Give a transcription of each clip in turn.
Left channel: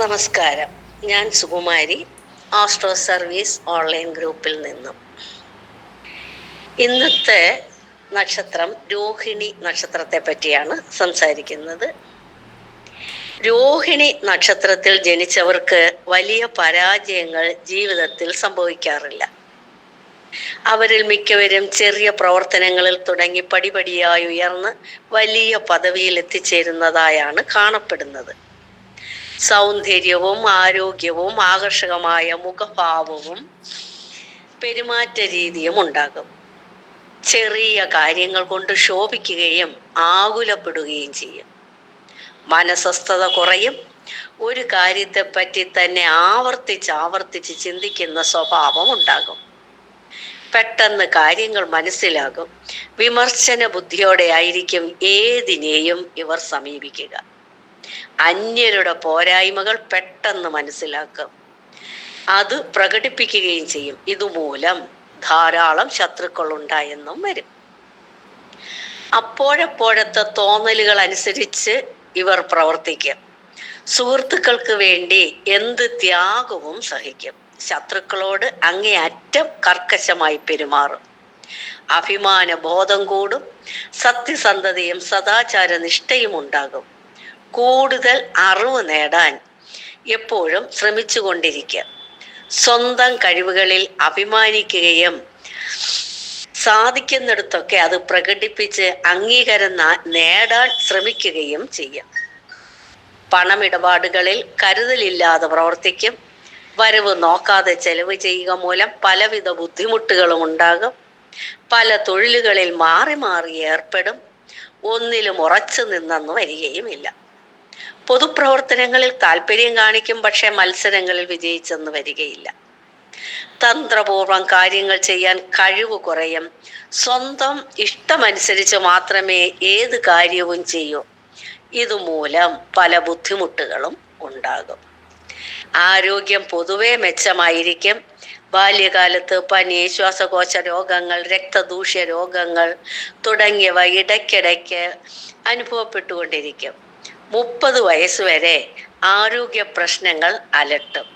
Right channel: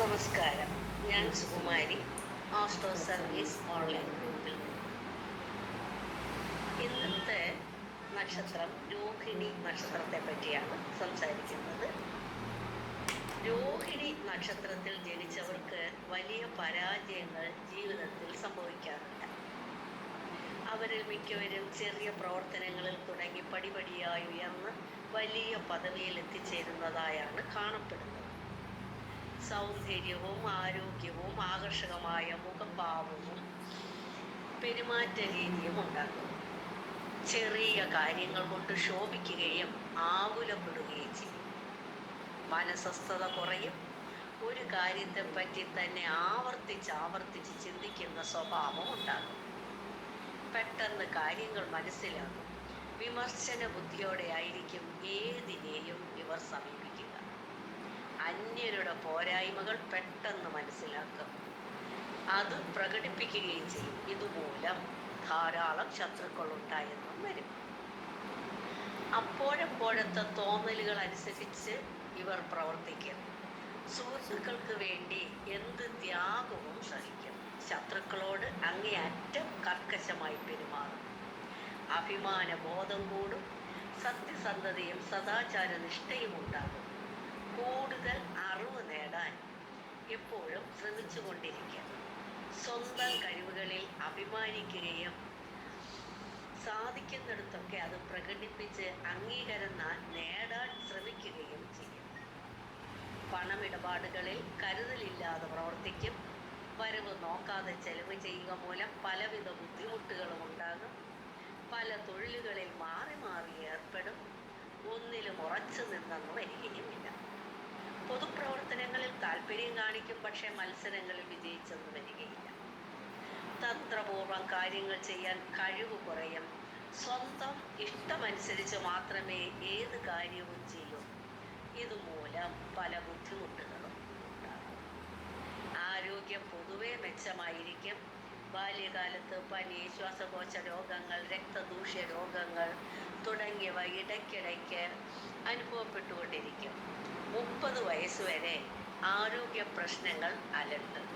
നമസ്കാരം. ഞാൻ Sukumari, astro service online ഗ്രൂപ്പിൽ നിന്നും. ഇന്നത്തെ നക്ഷത്രം രോഹിണി നക്ഷത്രത്തെ പറ്റിയാണ് സംസാരിക്കുന്നത്. രോഹിണി നക്ഷത്രത്തിൽ ജനിച്ചവർക്ക് വലിയ പരാജയങ്ങൾ ജീവിതത്തിൽ സംഭവിക്കാറില്ല. അവരിൽ മിക്കവരും ചെറിയ പ്രവർത്തനങ്ങളിൽ തുടങ്ങി പടിപടിയായി ഉയർന്ന് വലിയ പദവിയിൽ എത്തിച്ചേരുന്നതായാണ് കാണപ്പെടുന്നത്. സൗന്ദര്യവും ആരോഗ്യവും ആകർഷകമായ മുഖഭാവവും പെരുമാറ്റ രീതിയും ഉണ്ടാകും. ചെറിയ കാര്യങ്ങൾ കൊണ്ട് ശോഭിക്കുകയും ആകുലപ്പെടുകയും ചെയ്യും. മനസ്വസ്ഥത കുറയും. ഒരു കാര്യത്തെപ്പറ്റി തന്നെ ആവർത്തിച്ച് ചിന്തിക്കുന്ന സ്വഭാവം ഉണ്ടാകും. പെട്ടെന്ന് കാര്യങ്ങൾ മനസ്സിലാകും. വിമർശന ബുദ്ധിയോടെ ആയിരിക്കും ഏതിനെയും ഇവർ സമീപിക്കുക. അന്യരുടെ പോരായ്മകൾ പെട്ടെന്ന് മനസ്സിലാക്കും. അത് പ്രകടിപ്പിക്കുകയും ചെയ്യും. ഇതുമൂലം ധാരാളം ശത്രുക്കൾ ഉണ്ടായെന്നും വരും. അപ്പോഴപ്പോഴത്തെ തോന്നലുകൾ അനുസരിച്ച് ഇവർ പ്രവർത്തിക്കും. സുഹൃത്തുക്കൾക്ക് വേണ്ടി എന്ത് ത്യാഗവും സഹിക്കും. ശത്രുക്കളോട് അങ്ങേയറ്റം കർക്കശമായി പെരുമാറും. അഭിമാന ബോധം കൂടും. സത്യസന്ധതയും സദാചാര നിഷ്ഠയും ഉണ്ടാകും. കൂടുതൽ അറിവ് നേടാൻ എപ്പോഴും ശ്രമിച്ചുകൊണ്ടിരിക്കുക. സ്വന്തം കഴിവുകളിൽ അഭിമാനിക്കുകയും സാധിക്കുന്നിടത്തൊക്കെ അത് പ്രകടിപ്പിച്ച് അംഗീകാരം നേടാൻ ശ്രമിക്കുകയും ചെയ്യും. പണമിടപാടുകളിൽ കരുതലില്ലാതെ പ്രവർത്തിക്കും. വരവ് നോക്കാതെ ചെലവ് ചെയ്യുക മൂലം പലവിധ ബുദ്ധിമുട്ടുകളും ഉണ്ടാകും. പല തൊഴിലുകളിൽ മാറി മാറി ഏർപ്പെടും. ഒന്നിലും ഉറച്ചു നിന്നെന്ന് വരികയുമില്ല. പൊതുപ്രവർത്തനങ്ങളിൽ താല്പര്യം കാണിക്കും. പക്ഷെ മത്സരങ്ങളിൽ വിജയിച്ചെന്ന് വരികയില്ല. തന്ത്രപൂർവം കാര്യങ്ങൾ ചെയ്യാൻ കഴിവ് കുറയും. സ്വന്തം ഇഷ്ടമനുസരിച്ച് മാത്രമേ ഏത് കാര്യവും ചെയ്യൂ. ഇതുമൂലം പല ബുദ്ധിമുട്ടുകളും ഉണ്ടാകും. ആരോഗ്യം പൊതുവെ മെച്ചമായിരിക്കും. ബാല്യകാലത്ത് പനി, ശ്വാസകോശ രോഗങ്ങൾ, രക്തദൂഷ്യ രോഗങ്ങൾ തുടങ്ങിയവ ഇടയ്ക്കിടയ്ക്ക് അനുഭവപ്പെട്ടുകൊണ്ടിരിക്കും. 30 വയസ്സ് വരെ ആരോഗ്യ പ്രശ്നങ്ങൾ അലട്ടും.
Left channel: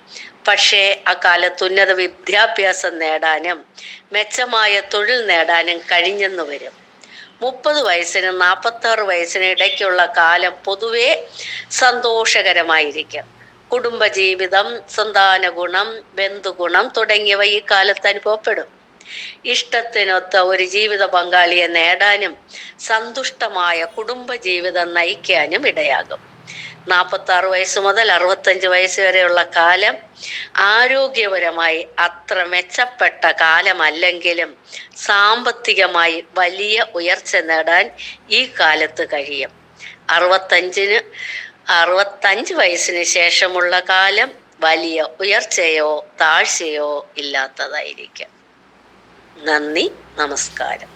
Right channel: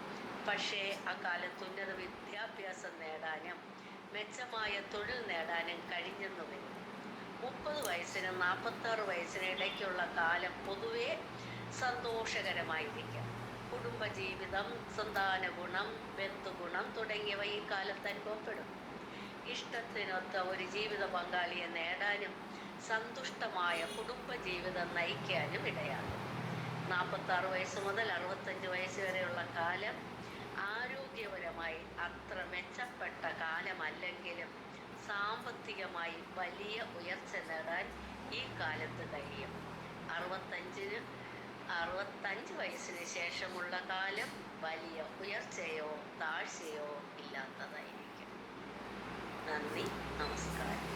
പക്ഷേ അക്കാലത്ത് ഉന്നത വിദ്യാഭ്യാസം നേടാനും മെച്ചമായ തൊഴിൽ നേടാനും കഴിഞ്ഞെന്ന് വരും. 30 വയസ്സിനും 46 വയസ്സിനും ഇടയ്ക്കുള്ള കാലം പൊതുവെ സന്തോഷകരമായിരിക്കും. കുടുംബജീവിതം, സന്താന ഗുണം, ബന്ധുഗുണം തുടങ്ങിയവ ഈ കാലത്ത് അനുഭവപ്പെടും. ഇഷ്ടത്തിനൊത്ത ഒരു ജീവിത പങ്കാളിയെ നേടാനും സന്തുഷ്ടമായ കുടുംബജീവിതം നയിക്കാനും ഇടയാകും. 46 വയസ്സ് മുതൽ 65 വയസ്സ് വരെയുള്ള കാലം ആരോഗ്യപരമായി അത്ര മെച്ചപ്പെട്ട കാലമല്ലെങ്കിലും സാമ്പത്തികമായി വലിയ ഉയർച്ച നേടാൻ ഈ കാലത്ത് കഴിയും. 65 വയസ്സിന് ശേഷമുള്ള കാലം വലിയ ഉയർച്ചയോ താഴ്ചയോ ഇല്ലാത്തതായിരിക്കും. നന്ദി, നമസ്കാരം.